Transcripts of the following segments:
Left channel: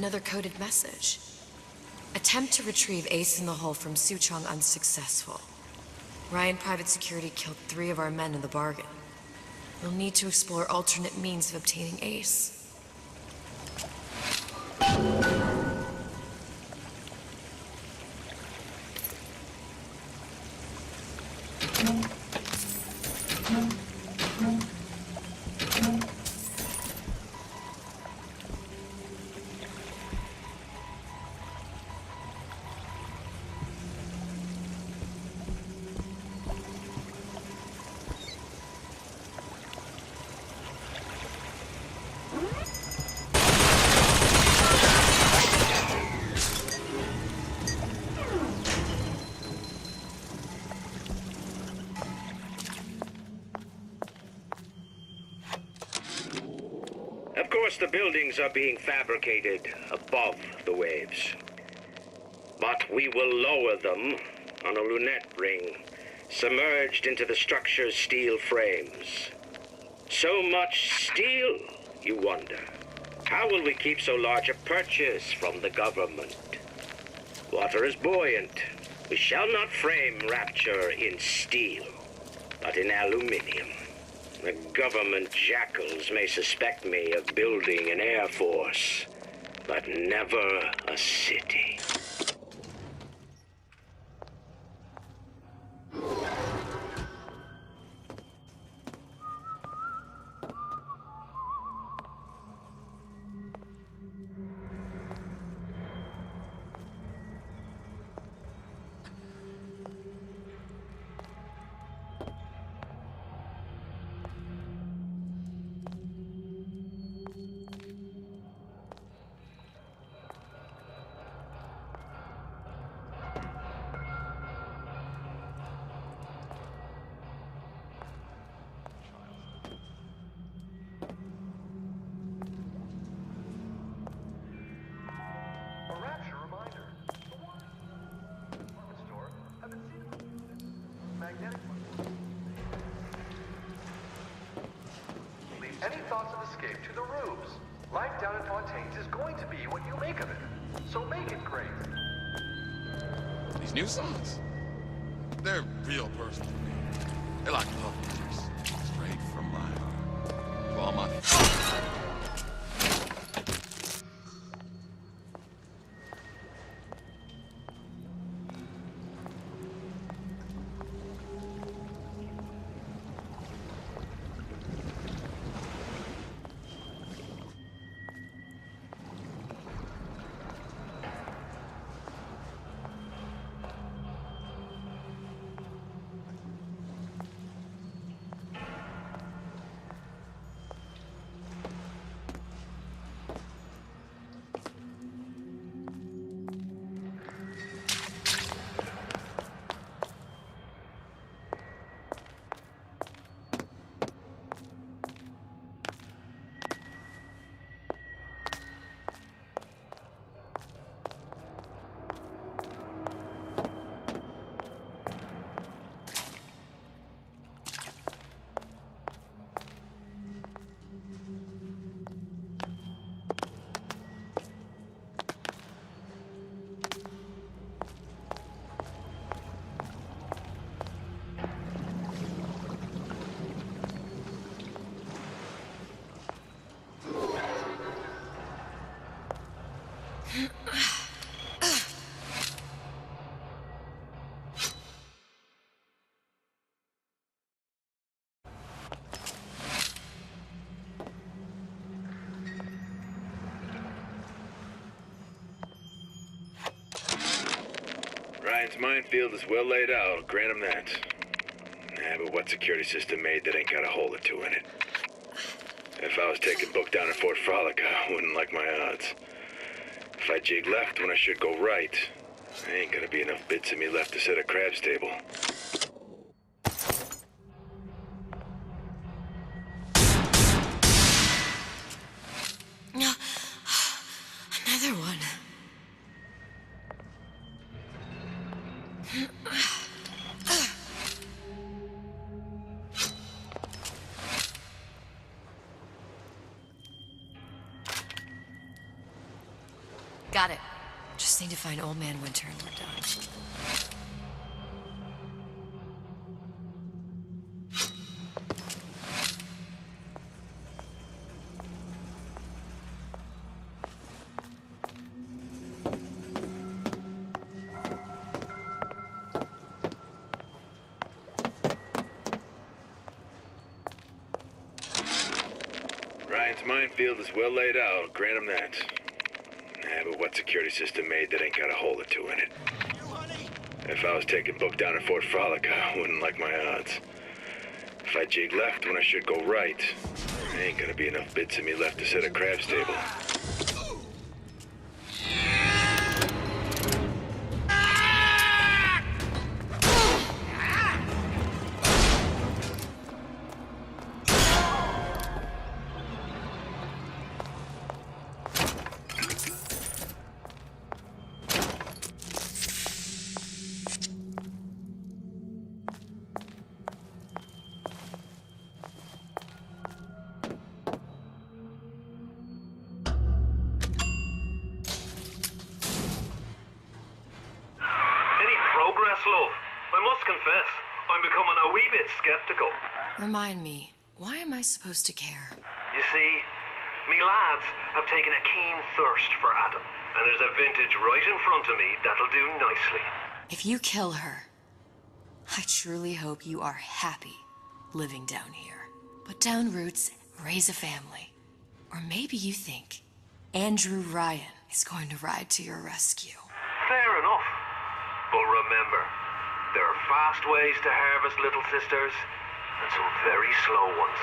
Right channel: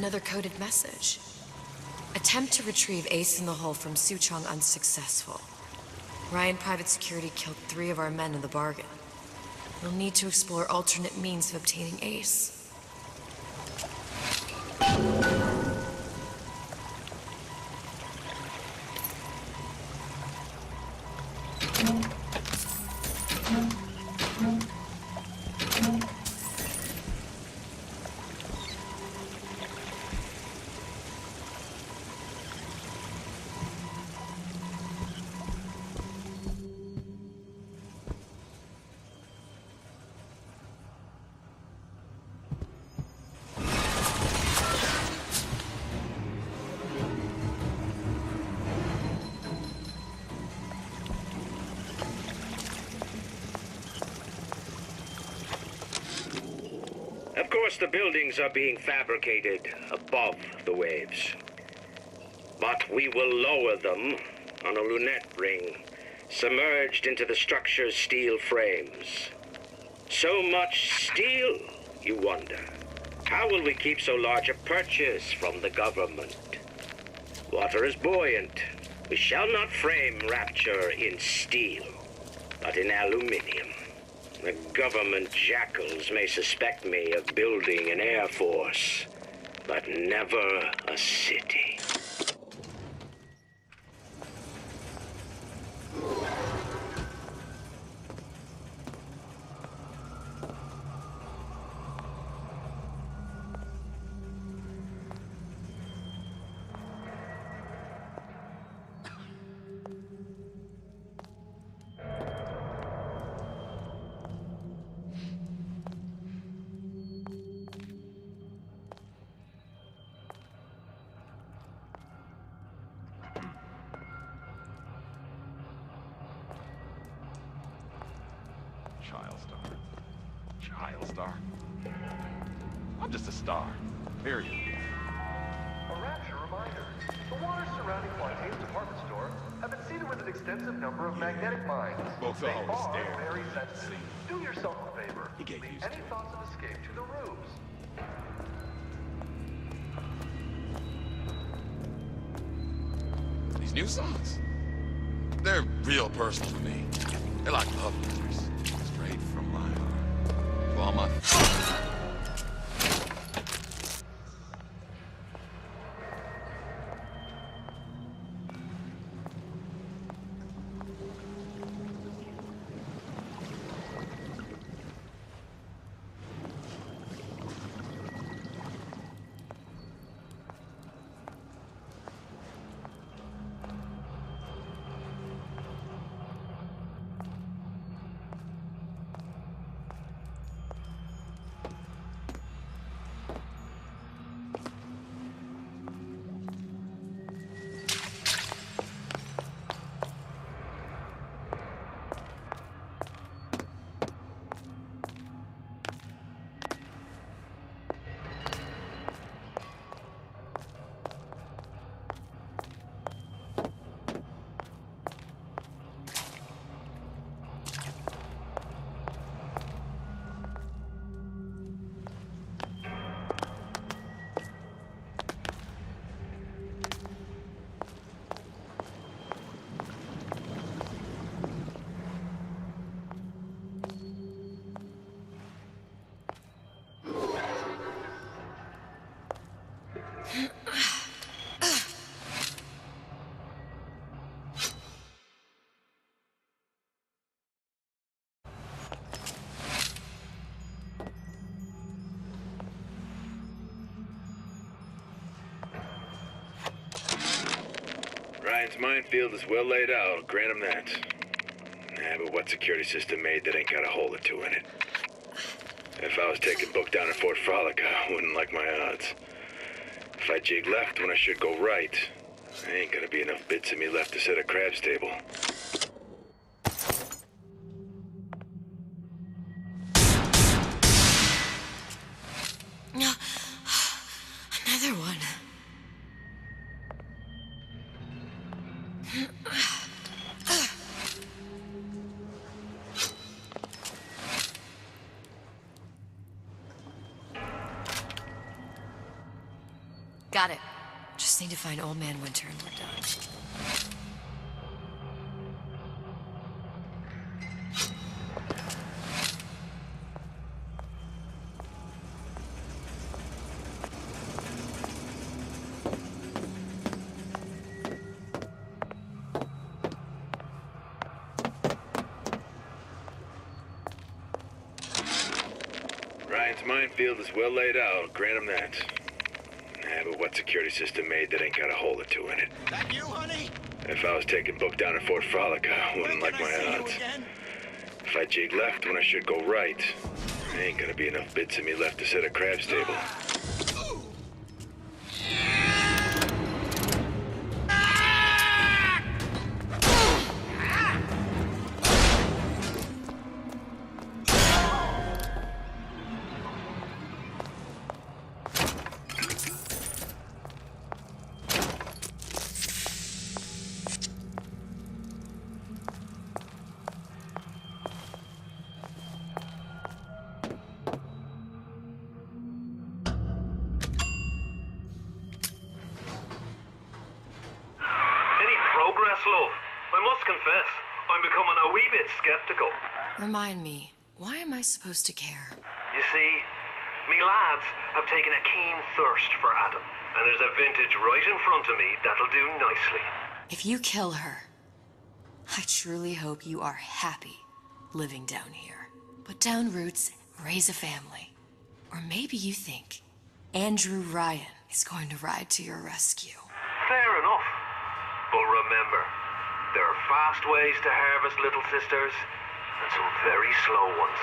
Another coded message. Attempt to retrieve Ace in the Hole from Suchong unsuccessful. Ryan Private Security killed 3 of our men in the bargain. We'll need to explore alternate means of obtaining Ace. Of course, the buildings are being fabricated above the waves. But we will lower them on a lunette ring, submerged into the structure's steel frames. So much steel, you wonder. How will we keep so large a purchase from the government? Water is buoyant. We shall not frame Rapture in steel, but in aluminium. The government jackals may suspect me of building an air force, but never a city. I'm just a star. Period. A Rapture reminder. The waters surrounding Fontaine's department store have been seeded with an extensive number of magnetic mines. They are very sensitive. Do yourself a favor. Leave any thoughts of escape to the roofs. Life down in Fontaine's is going to be what you make of it. So make it great. These new songs, they're real personal to me. They're like love letters, straight from my heart. To all my... Ryan's minefield is well laid out, I'll grant him that. But what security system made that ain't got a hole or two in it? If I was taking book down at Fort Frolic, I wouldn't like my odds. If I jig left when I should go right, there ain't gonna be enough bits of me left to set a crab's table. Another one. Got it. Just need to find Old Man Winter and we're done. Ryan's minefield is well laid out, grant him that. But what security system made that ain't got a hole or two in it? That you, honey? If I was taking book down at Fort Frolic, I wouldn't like my odds. If I jig left when I should go right, there ain't gonna be enough bits of me left to set a crab stable. Love, I must confess, I'm becoming a wee bit skeptical. Remind me, why am I supposed to care? You see, me lads have taken a keen thirst for Adam, and there's a vintage right in front of me that'll do nicely. If you kill her, I truly hope you are happy living down here. Put down roots, raise a family. Or maybe you think Andrew Ryan is going to ride to your rescue. Fair enough. But remember, there are fast ways to harvest little sisters, and some very slow ones.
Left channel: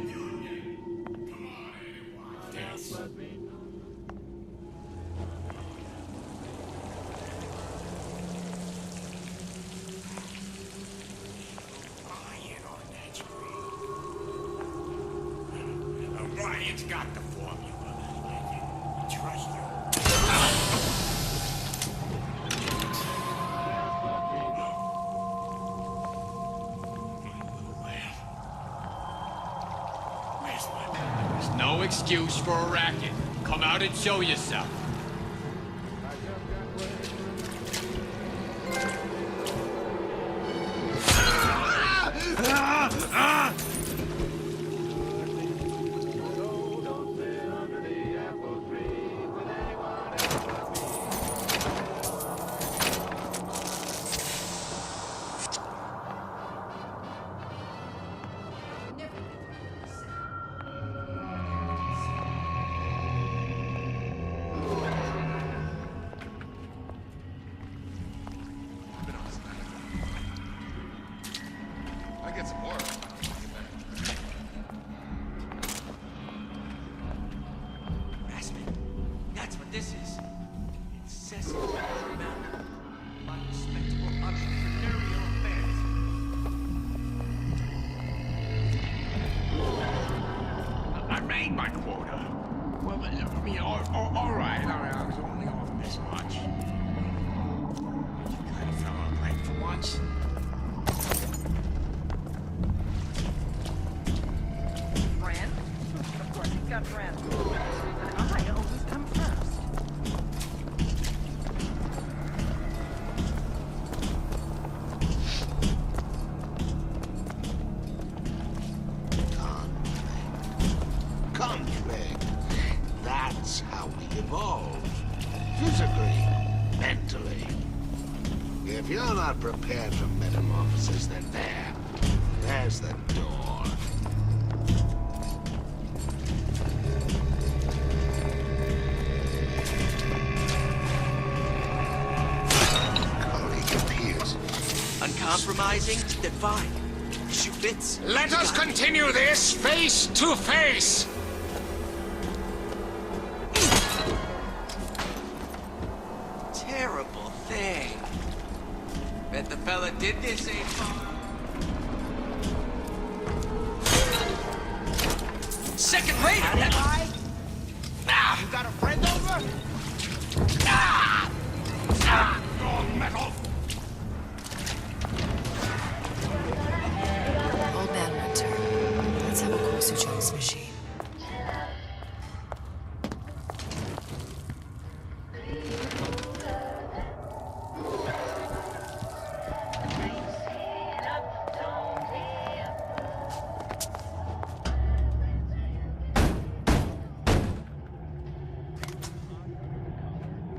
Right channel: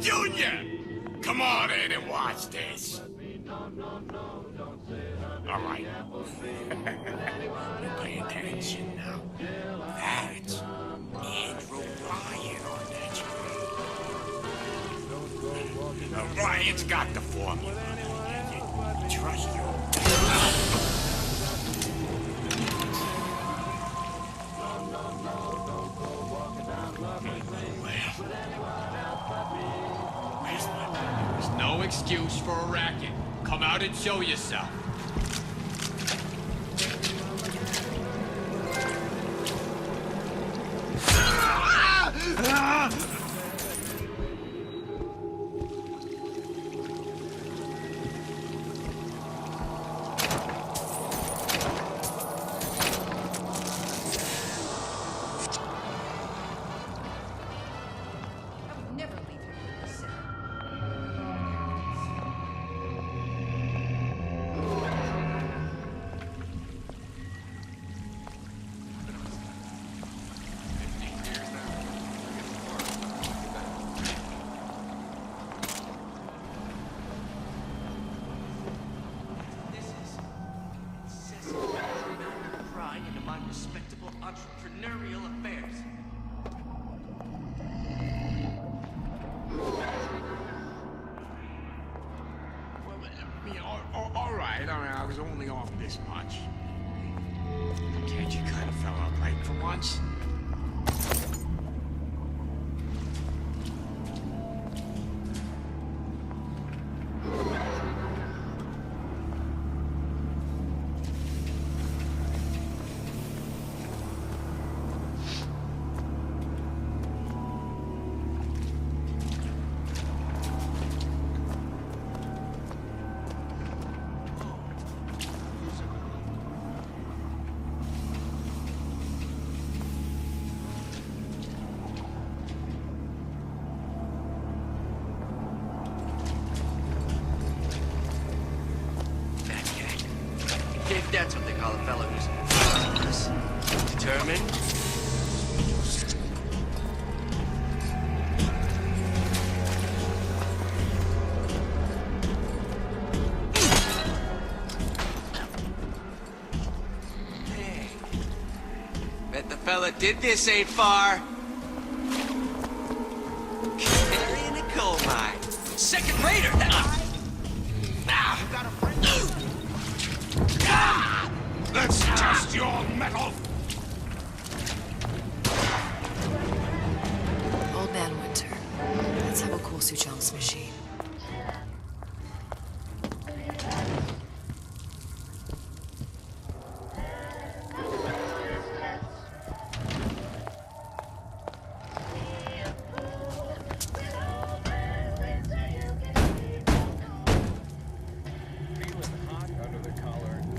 Junior! Come on in and watch this. All right. Pay attention now. That's Andrew Ryan on that screen. Ryan's got the formula. Trust you. No excuse for a racket. Come out and show yourself. I was only off this much. Can't you kind of fell out right for once? Brand? Of course, you've got Brand. I always come first. Come, Fink. That's how we evolve. Physically, mentally. If you're not prepared for metamorphosis, then there's the door. Think that's what they call developers. Determined, uncompromising, divine. Schwitz. Let us continue this face to face. Terrible. did this ain't far. Gold mine. Second rater. You got a friend, sir? Let's test your metal. Old Man Winter. Let's have a cool Suchong's machine.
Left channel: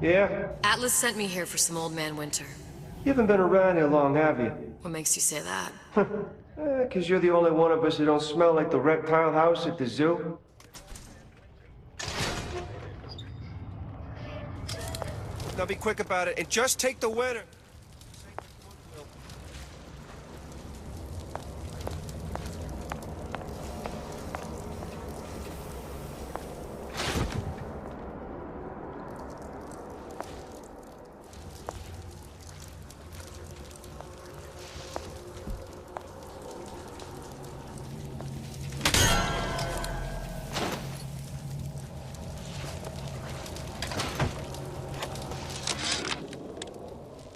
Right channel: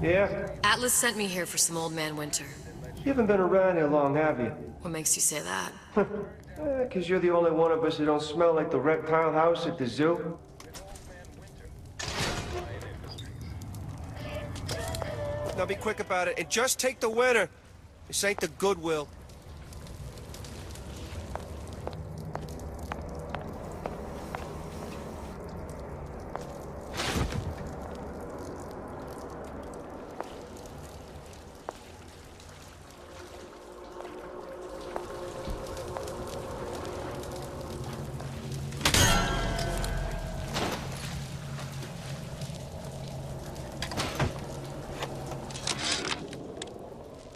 Yeah? Atlas sent me here for some Old Man Winter. You haven't been around here long, have you? What makes you say that? 'Cause you're the only one of us who don't smell like the reptile house at the zoo. Now be quick about it, and just take the winner. This ain't the Goodwill.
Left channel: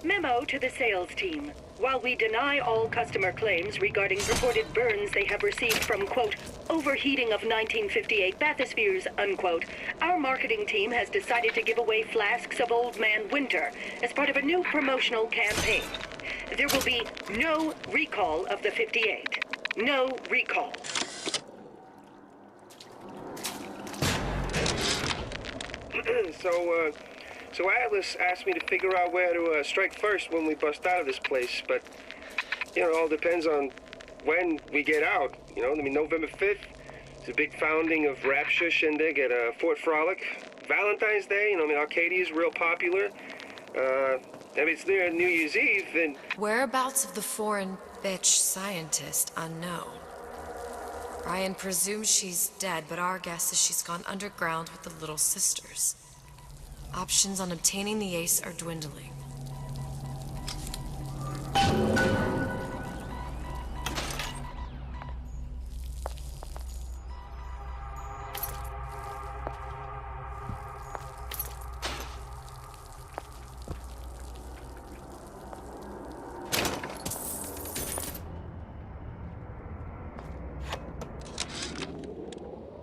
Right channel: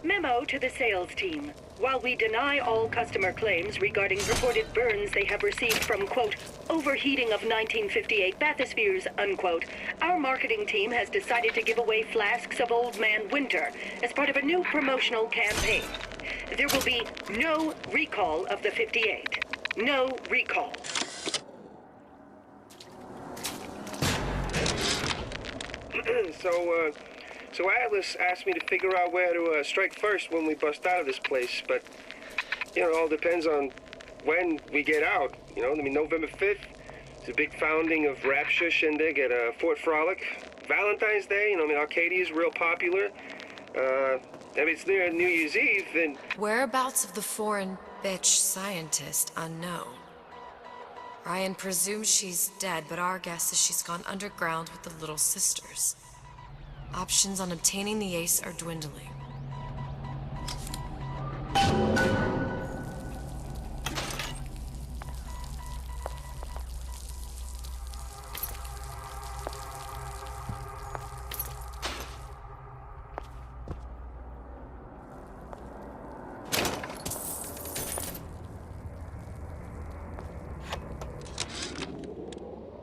Memo to the sales team. While we deny all customer claims regarding purported burns they have received from, quote, overheating of 1958 bathyspheres, unquote, our marketing team has decided to give away flasks of Old Man Winter as part of a new promotional campaign. There will be no recall of the 58. No recall. So Atlas asked me to figure out where to strike first when we bust out of this place, but, you know, it all depends on when we get out, you know? I mean, November 5th is a big founding of Rapture Shindig at Fort Frolic. Valentine's Day, you know, I mean, Arcadia is real popular. I mean, it's near New Year's Eve, and... Whereabouts of the foreign bitch scientist unknown. Ryan presumes she's dead, but our guess is she's gone underground with the Little Sisters. Options on obtaining the ace are dwindling.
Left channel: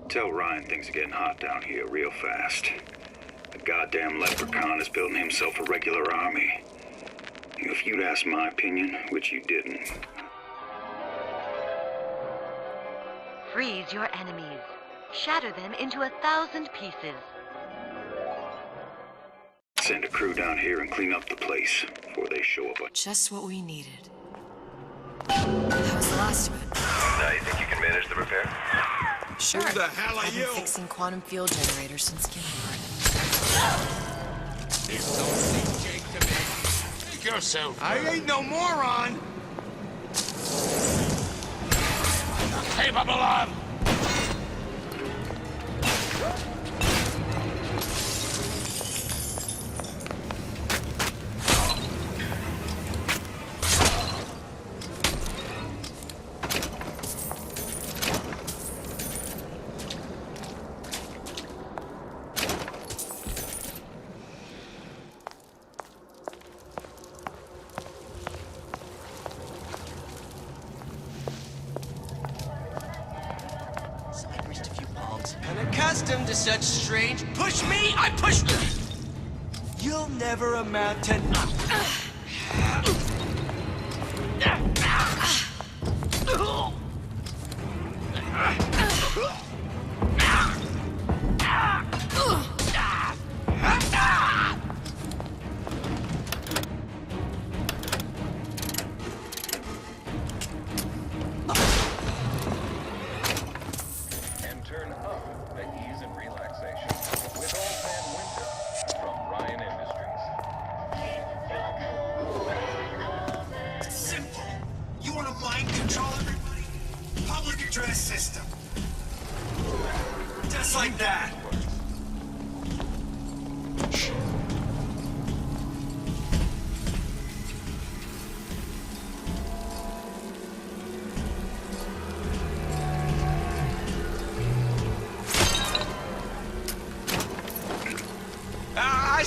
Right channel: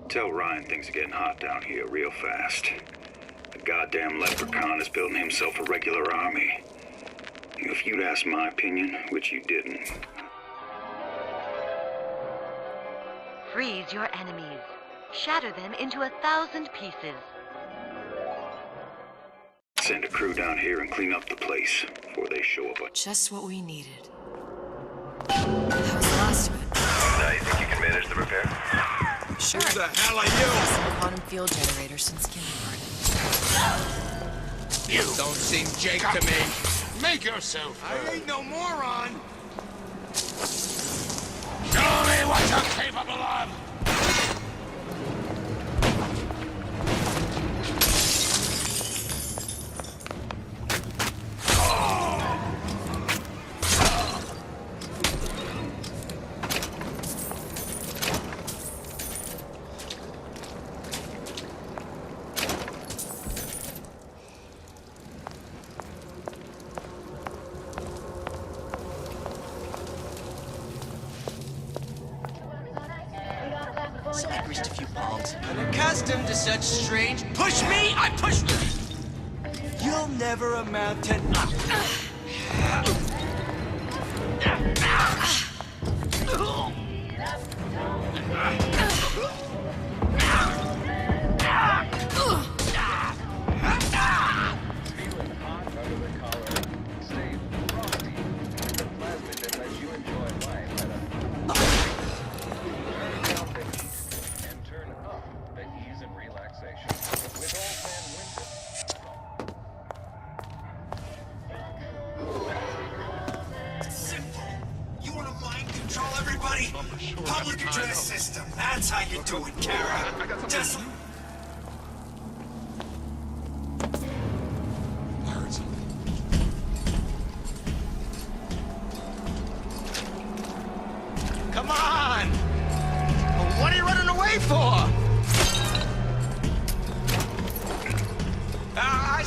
Tell Ryan things are getting hot down here real fast. The goddamn leprechaun is building himself a regular army. If you'd asked my opinion, which you didn't. Freeze your enemies. Shatter them into 1,000 pieces. Send a crew down here and clean up the place before they show up. Just what we needed. That was the last of it. Now you think you can manage the repair? Sure. Who the hell are you? Some quantum field generator since kindergarten. You don't seem Jake to me. Make yourself. I ain't no moron. Show me what you're capable of. So I greased a few palms. Unaccustomed to such strange... Push me, I push you! You'll never amount to...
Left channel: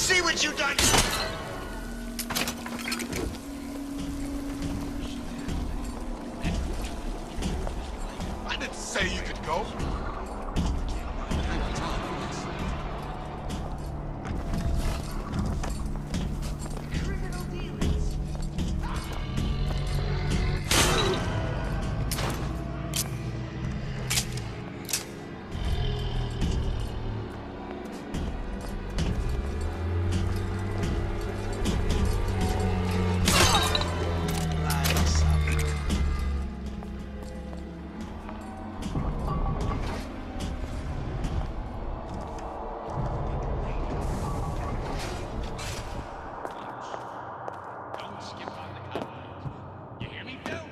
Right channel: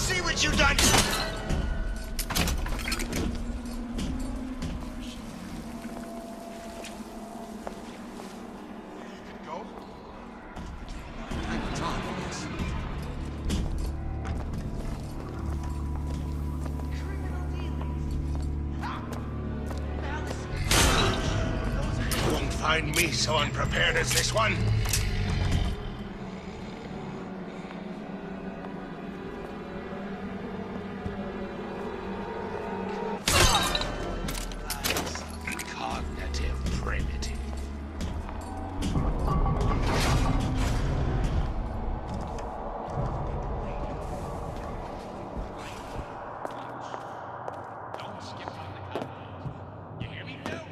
see what you done? I didn't say you could go. I have time for this. Criminal dealings. Don't find me so unprepared as this one. Like some cognitive primitive. Don't skip on the cut. You hear me, Phil?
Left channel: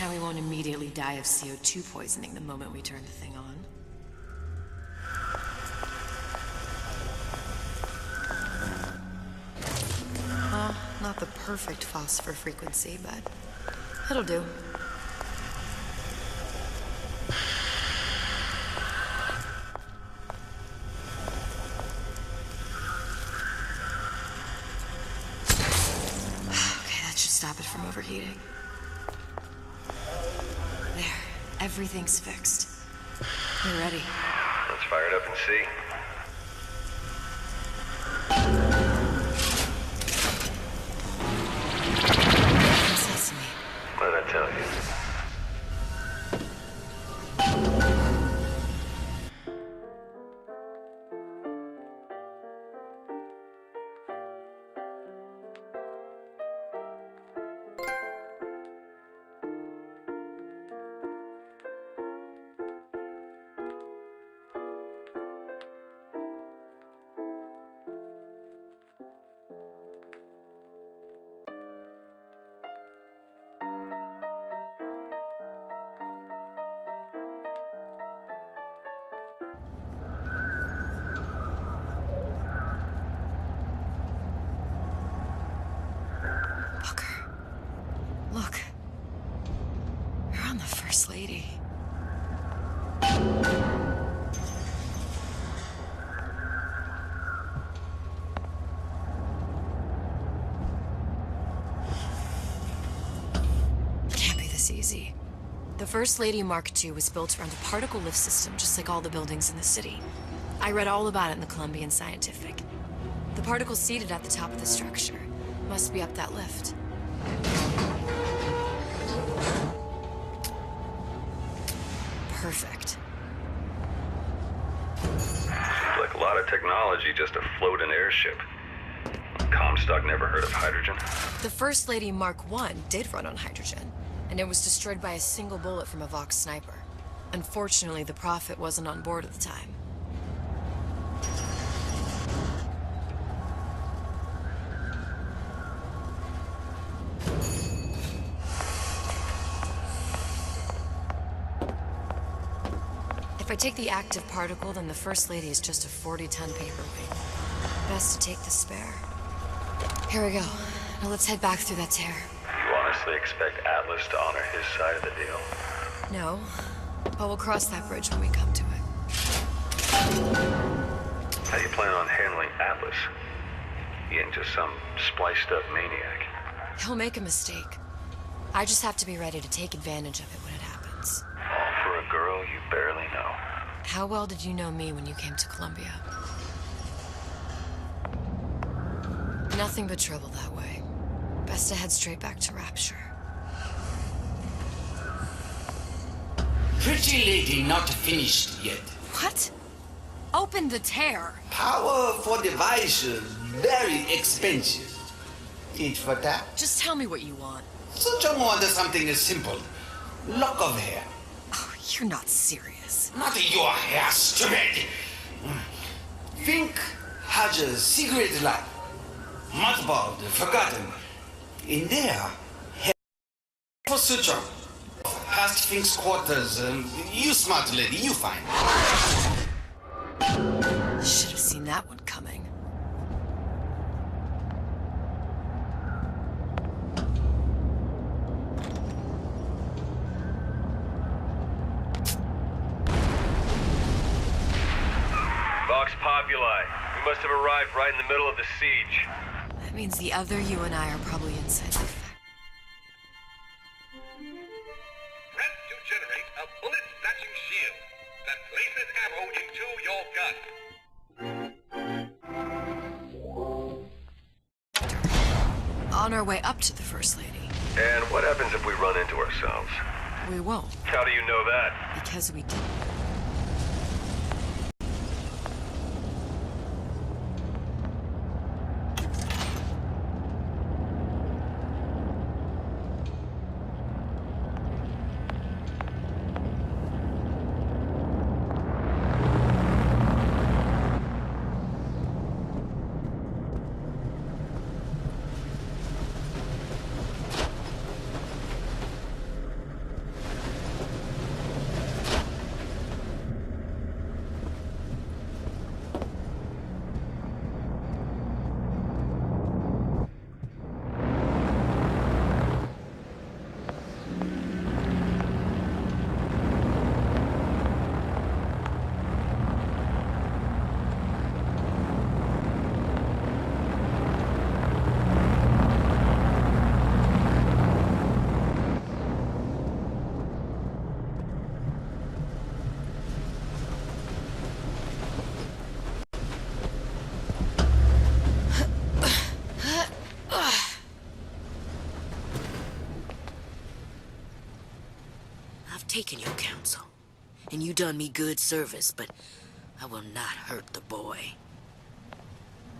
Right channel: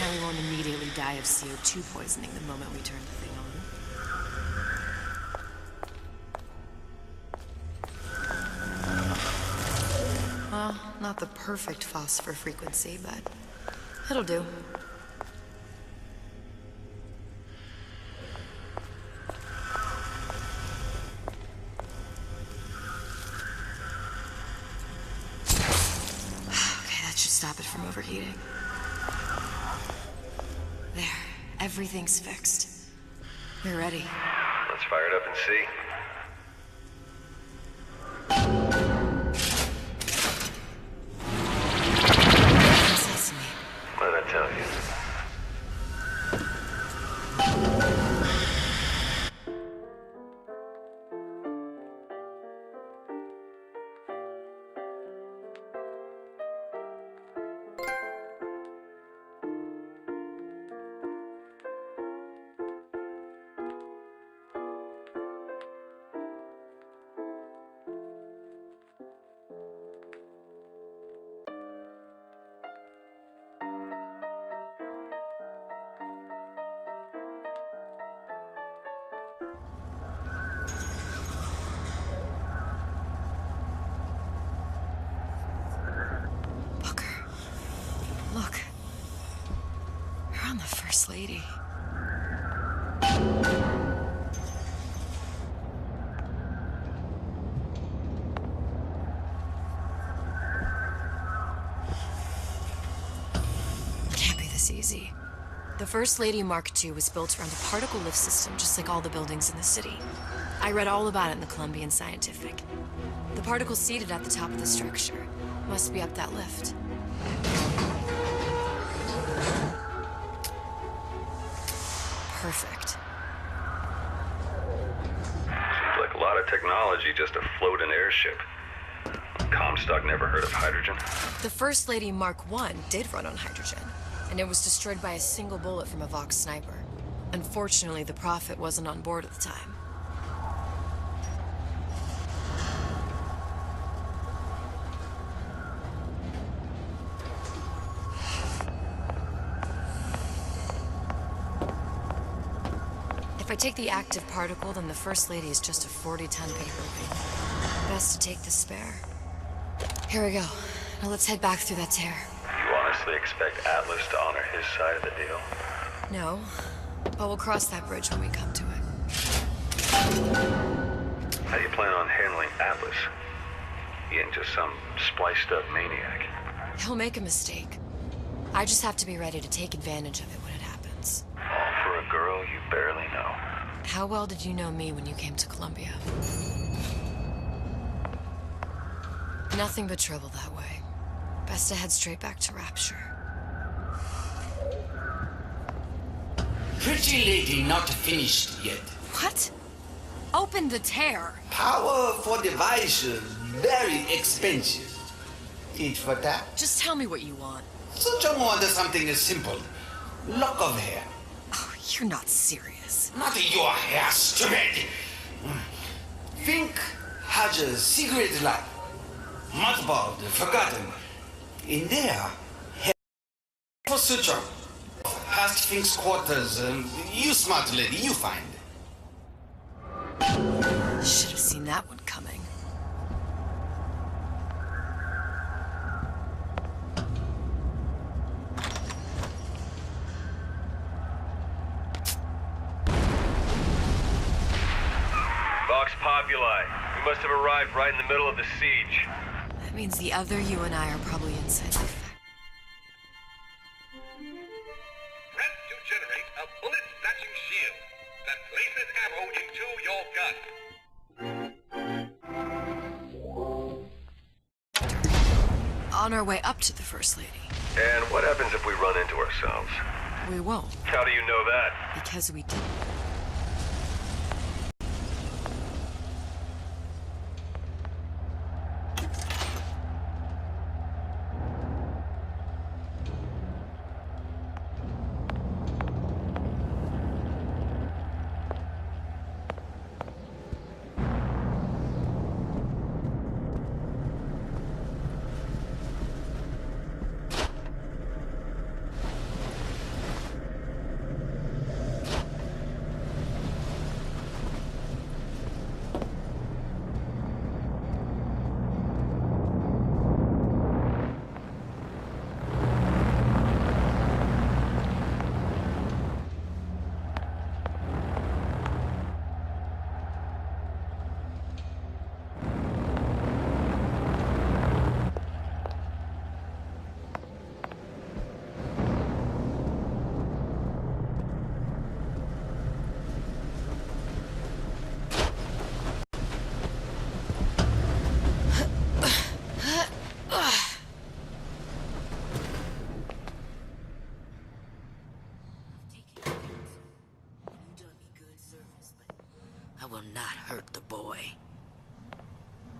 Now we won't immediately die of CO2 poisoning the moment we turn the thing on. Well, not the perfect phosphor frequency, but it'll do. Okay, that should stop it from overheating. There, everything's fixed. We're ready. Let's fire it up and see. Sesame. What did I tell you? Look. You're on the First Lady. Can't be this easy. The First Lady Mark II was built around a particle lift system just like all the buildings in the city. I read all about it in the Columbian Scientific. The particles seated at the top of the structure must be up that lift. Perfect. Seems like a lot of technology just to float an airship. Comstock never heard of hydrogen. The First Lady Mark I did run on hydrogen, and it was destroyed by a single bullet from a Vox sniper. Unfortunately, the Prophet wasn't on board at the time. If I take the active particle, then the First Lady is just a 40-ton paperweight. Best to take the spare. Here we go. Now let's head back through that tear. You honestly expect Atlas to honor his side of the deal? No, but we'll cross that bridge when we come to it. How do you plan on handling Atlas? He ain't just some spliced-up maniac. He'll make a mistake. I just have to be ready to take advantage of it when it happens. All for a girl you barely know. How well did you know me when you came to Columbia? Nothing but trouble that way. Best to head straight back to Rapture. Pretty lady not finished yet. What? Open the tear. Power for device very expensive. Eat for that. Just tell me what you want. Such a want something simple. Lock of hair. Oh, you're not serious. Not your hair, stupid. Fink has a secret life. Mothballed, forgotten. In there, for Suchong. Past Fink's quarters. You smart lady, you find. Should have seen that one coming. Vox Populi. We must have arrived right in the middle of the siege. That means the other you and I are probably inside the factory. Press to generate a bullet-snatching shield that places ammo into your gun. On our way up to the First Lady. And what happens if we run into ourselves? We won't. How do you know that? Because we did. Taken your counsel, and you done me good service, but I will not hurt the boy.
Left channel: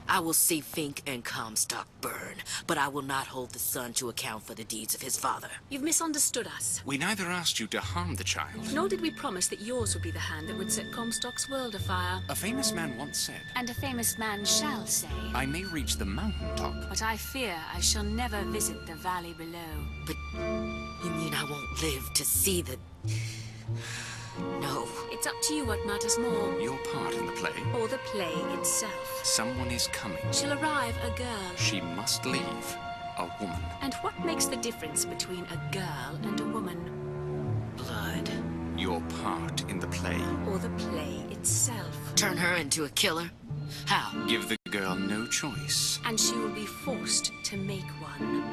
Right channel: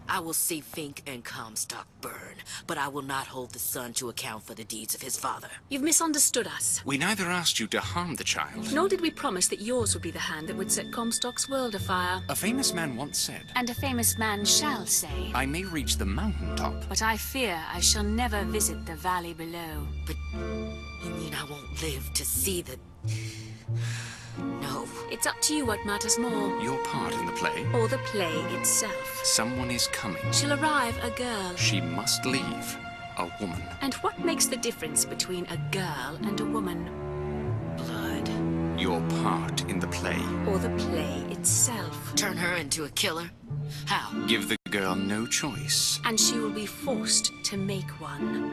I will see Fink and Comstock burn, but I will not hold the son to account for the deeds of his father. You've misunderstood us. We neither asked you to harm the child. Nor did we promise that yours would be the hand that would set Comstock's world afire. A famous man once said, And a famous man shall say, I may reach the mountaintop, but I fear I shall never visit the valley below. But you mean I won't live to see the... No. It's up to you what matters more. Your part in the play? Or the play itself. Someone is coming. She'll arrive, a girl. She must leave. A woman. And what makes the difference between a girl and a woman? Blood. Your part in the play. Or the play itself. Turn her into a killer? How? Give the girl no choice. And she will be forced to make one.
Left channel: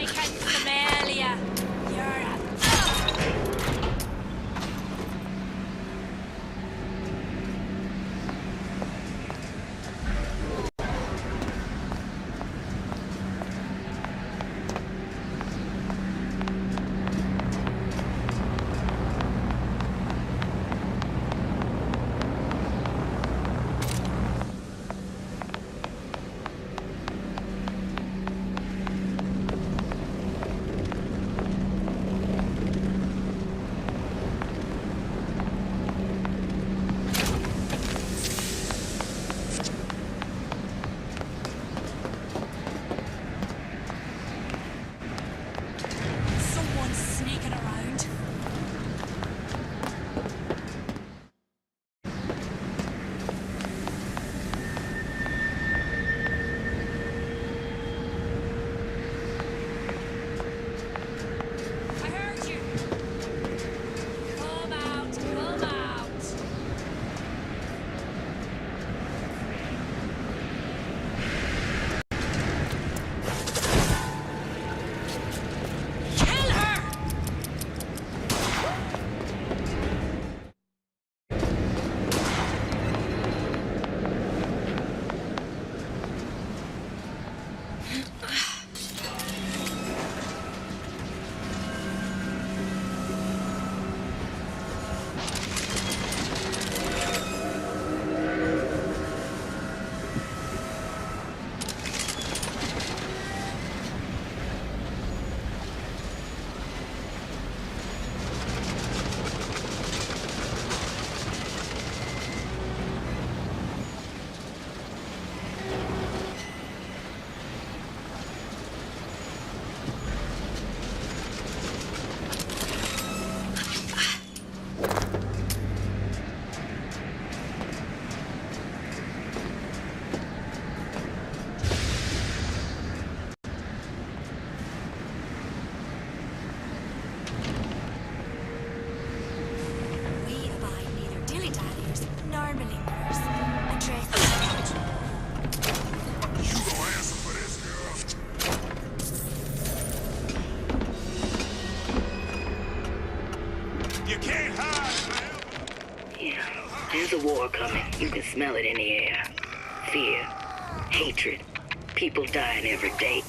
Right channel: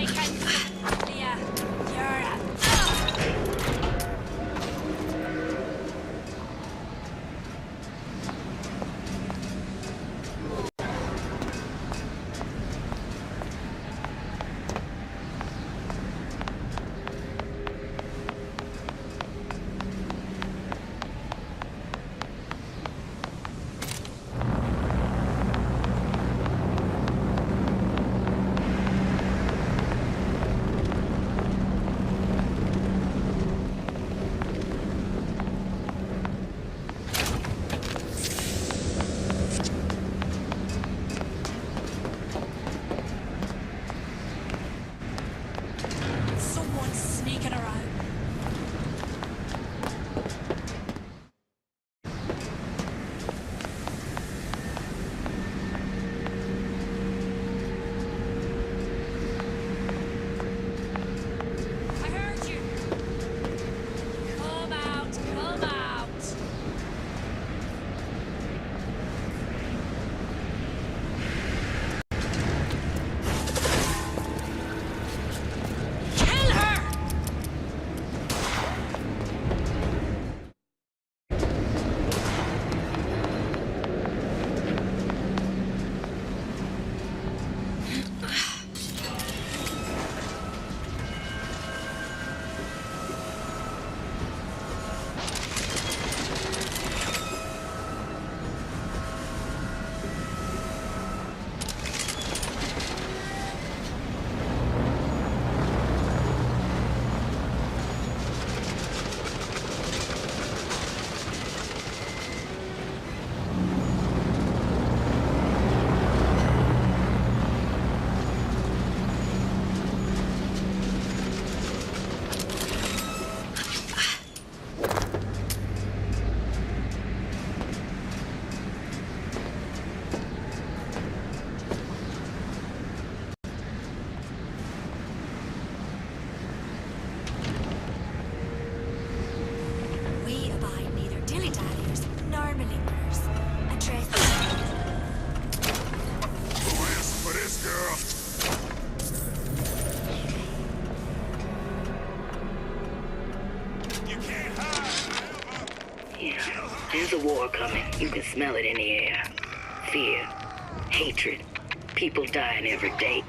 I can smell ya. You're a... Someone's sneaking around. I heard you. Come out, come out. Kill her! We abide neither dilly-dalliers nor malingerers. Address You gonna answer for this, girl? You can't hide forever. Yeah, there's a war coming. You can smell it in the air. Fear, hatred, people dying every day.